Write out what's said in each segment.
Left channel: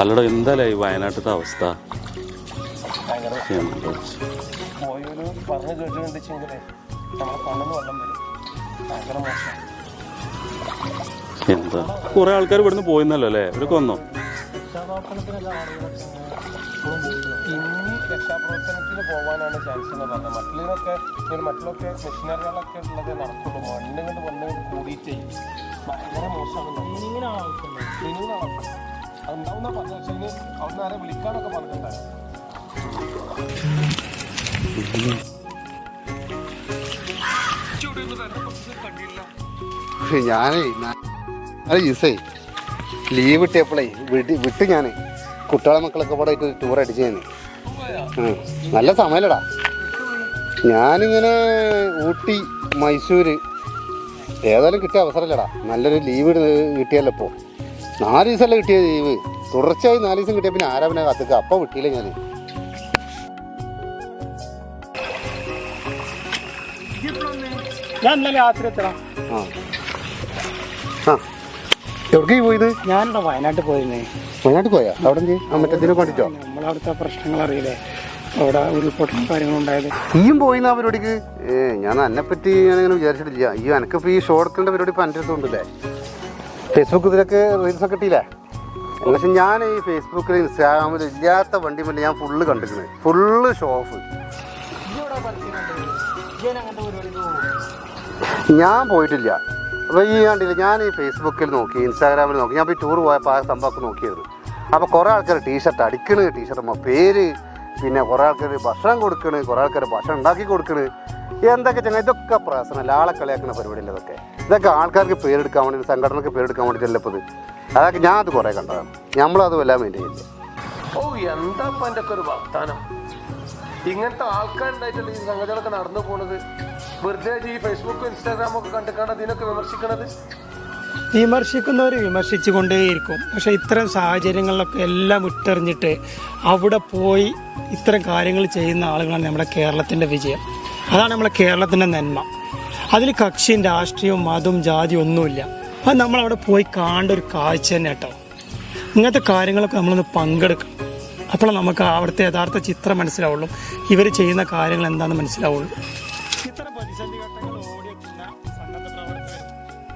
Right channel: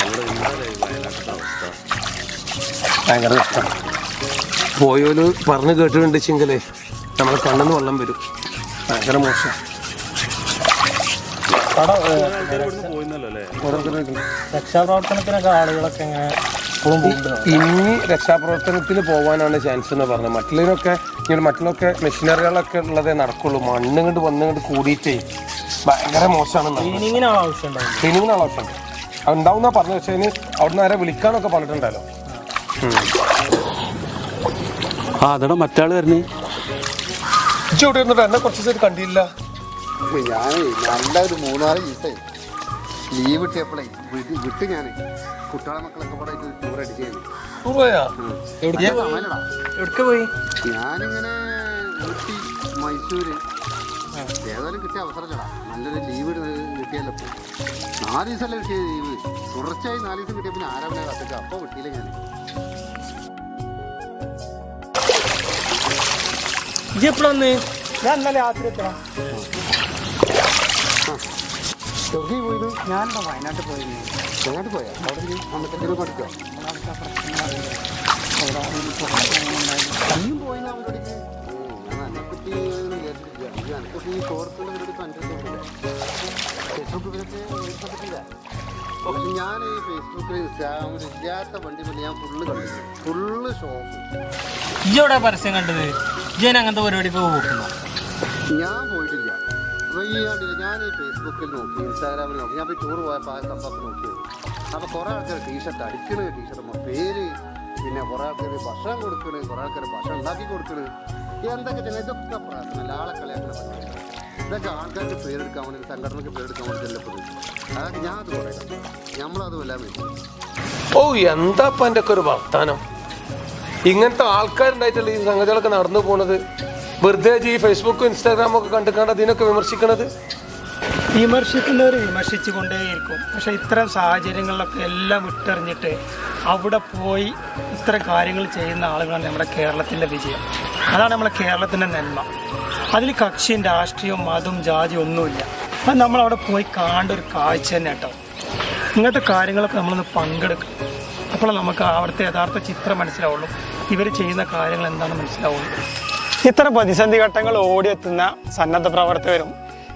അല്ലടാ പറഞ്ഞു കേട്ടിട്ടുണ്ട് വയനാട്ടിലത്തെ കേട്ടിട്ടുണ്ടെച്ചെങ്കിലേ നമ്മളെ കണ്ണെന്ന് വെള്ളം വരും. ഭയങ്കര മോശം. കുറെ ആൾക്കാർ ഇവിടുന്ന് പോയിന്നല്ലോ അല്ലേ? രക്ഷാപ്രവർത്തനത്തിനൊക്കെ ആളുകളൊക്കെ ഇങ്ങനെ ഇനി രക്ഷാപ്രവർത്തനത്തിൽ പോകാനാണ് ചാൻസ് എന്ന് പറഞ്ഞത്. മറ്റുള്ളവരൊക്കെ ഇങ്ങനെ മറ്റുള്ളൊക്കെ മെഷീനറികളൊക്കെ ഉള്ളതേ നടക്കുള്ളൂ. മണ്ണ് കൊണ്ട് വന്ന് കൊണ്ട് കൂടിയിട്ടേ ഭയങ്കര മോശമാണ് ക്ലീനിങ്ങിന് ആവശ്യം ഉണ്ടാവുന്ന പറഞ്ഞു പക്ഷേ അതിന് അവിടുന്ന് ആരെ വിളിക്കാനൊക്കെ പറഞ്ഞിട്ടുണ്ടല്ലോ ആ അതെടാ മറ്റാൾ വരുന്നേ? ഇച്ചിരി ഇവിടെ ഇരുന്നിട്ട് എന്നെ കുറച്ച് ദിവസം കണ്ടില്ല ഞാനേ നല്ല ഒരു മൂന്നാൽ ദിവസമായി ലീവ് കിട്ടിയപ്പോഴേ വിട്ട് വിട്ട് ഞാൻ കുട്ടികളെ മക്കളൊക്കെ കൂടെ ആയിട്ട് ടൂർ അടിച്ചു ഞാൻ പോയാ നല്ല സമയല്ലടാ. ഞാനിങ്ങനെ ഊട്ടി മൈസൂര് ഏതായാലും കിട്ടിയ അവസരമില്ലടാ നല്ലൊരു ലീവ് കിട്ടിയല്ലോ ഇപ്പോൾ നാല് ദിവസമല്ല കിട്ടിയ ലീവ് തുടർച്ചയായി നാല് ദിവസം കിട്ടിയ പിന്നെ ആരാ പിന്നെ കത്തിച്ച അപ്പം വിട്ടില്ല ഞാൻ ഇജ്ജ് എപ്പോഴൊന്ന് ഞാൻ ഇന്നലെ രാത്രി എത്തണം. ആ. എവിടേക്കായി പോയത്? ഞാൻ വയനാട്ടിൽ പോയിരുന്നേ അങ്ങോട്ട് പോയാ? അവിടെ കണ്ടിട്ടോ നമ്മളവിടുത്തെ പ്രശ്നങ്ങൾ അറിയില്ല? അവിടെ ഒരു ഈയും പോയിന്ന അവരോടേക്ക്? ഏ ഞാൻ എന്നെ പറ്റി ഇങ്ങനെ വിചാരിച്ചിട്ടില്ല. ഈ എനിക്കിപ്പോൾ ഈ ഷോർട്ട് കണ്ട പരിപാടി ഇപ്പം എന്റെ അടുത്തുണ്ടല്ലേ ഫേസ്ബുക്ക് ഇതിലൊക്കെ റീൽസ് കിട്ടിയില്ലേ പക്ഷെ ഞാൻ ഈ ഫേസ്ബുക്കിൽ ഇൻസ്റ്റാഗ്രാമിൽ ഇല്ലാത്ത വണ്ടി വണ്ടി ഞാൻ ഫുള്ള് കണ്ടിട്ടുണ്ട്. ഫുള്ള് ഷോഫ് പരസ്യം കണ്ടത്? ഇജ്ജ് അങ്ങനത്തെ പരിപാടിക്ക് പോകുന്നു ഞാൻ പോയിട്ടില്ല. ഈ കണ്ടില്ല. ഞാൻ ഈ ഫേസ്ബുക്കിൽ നോക്കി ഇൻസ്റ്റാഗ്രാമിൽ നോക്കി. ഞാൻ ഇപ്പോൾ ടൂർ പോയപ്പോൾ ആ സംഭവമൊക്കെ നോക്കിയത് അപ്പോൾ കുറേ ആൾക്കാർ ടീഷർട്ട് അടിക്കണ് ടീഷർട്ട് പേര് പിന്നെ കുറേ ആൾക്കാർ ഭക്ഷണം കൊടുക്കണ് കുറേ ആൾക്കാർ ഭക്ഷണം ഉണ്ടാക്കി കൊടുക്കണ്. എന്തൊക്കെ ചെങ്ങനെ ഇതൊക്കെ പ്രശ്നമല്ല ആളെ കളിയാക്കുന്ന പരിപാടിയില്ല ഇതൊക്കെ? ഇതൊക്കെ ആൾക്കാർക്ക് പേരെടുക്കാൻ വേണ്ടി സംഘടനക്ക് പേരെടുക്കാൻ വേണ്ടി ചെല്ലപ്പത് അതൊക്കെ ഞാൻ അത് കുറേ കണ്ടതാണ്. നമ്മളതും എല്ലാം വേണ്ടി ഓ എന്താ എന്റെ ഒരു വർത്താനം? ഇങ്ങനത്തെ ആൾക്കാരുണ്ടായിട്ടല്ലേ ഈ സംഗതികളൊക്കെ നടന്നു പോണത്? വെറുതെ ഈ ഫേസ്ബുക്കും ഇൻസ്റ്റാഗ്രാമും ഒക്കെ കണ്ടിട്ടാണ് ഇതിനൊക്കെ വിമർശിക്കണത്? വിമർശിക്കുന്നവർ വിമർശിച്ചുകൊണ്ടേയിരിക്കും. പക്ഷെ ഇത്തരം സാഹചര്യങ്ങളിലൊക്കെ എല്ലാം വിട്ടെറിഞ്ഞിട്ട് അവിടെ പോയി ഇത്തരം കാര്യങ്ങൾ ചെയ്യുന്ന ആളുകളാണ് നമ്മുടെ കേരളത്തിന്റെ വിജയം. അതാണ് നമ്മുടെ കേരളത്തിന്റെ നന്മ. അതിൽ കക്ഷിയും രാഷ്ട്രീയവും മതവും ജാതിയും ഒന്നുമില്ല. അത് നമ്മളവിടെ പോയി കാണേണ്ട ഒരു കാഴ്ച തന്നെ കേട്ടോ. ഇങ്ങനത്തെ കാര്യങ്ങളൊക്കെ നമ്മളൊന്ന് പങ്കെടുക്കണം. അപ്പോൾ നമുക്ക് അവിടുത്തെ യഥാർത്ഥ ചിത്രം മനസ്സിലാവുള്ളൂ. ഇവർ ചെയ്യുന്ന കാര്യങ്ങൾ എന്താണെന്ന് മനസ്സിലാവുള്ളൂ. ഇത്തരം പ്രതിസന്ധി ഘട്ടങ്ങൾ ഓടിയെത്തുന്ന സന്നദ്ധ പ്രവർത്തകരും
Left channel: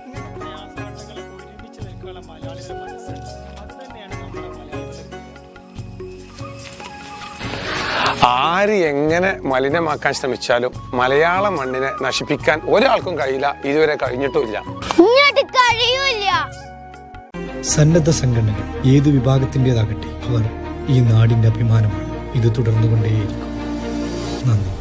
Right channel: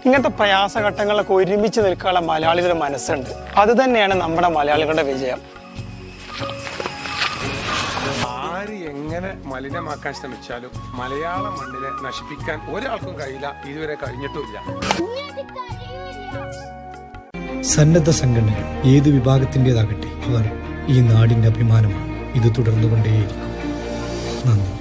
ഇങ്ങനത്തെ പ്രയാസഘട്ടങ്ങളൊക്കെ ഒരുമിച്ച് നിൽക്കാനുള്ള മലയാളികളുടെ മനസ്സുണ്ട്. അത് തന്നെയാണ് നമ്മുടെ മലയാളികളുടെ വിജയം. ആര് എങ്ങനെ മലിനമാക്കാൻ ശ്രമിച്ചാലും മലയാള മണ്ണിനെ നശിപ്പിക്കാൻ ഒരാൾക്കും കഴിയില്ല ഇതുവരെ കഴിഞ്ഞിട്ടുമില്ല. സന്നദ്ധ സംഘടനകൾ ഏത് വിഭാഗത്തിന്റെതാകട്ടെ അവർ ഈ നാടിന്റെ അഭിമാനമാണ്. ഇത് തുടർന്നുകൊണ്ടേയിരിക്കും. നന്ദി.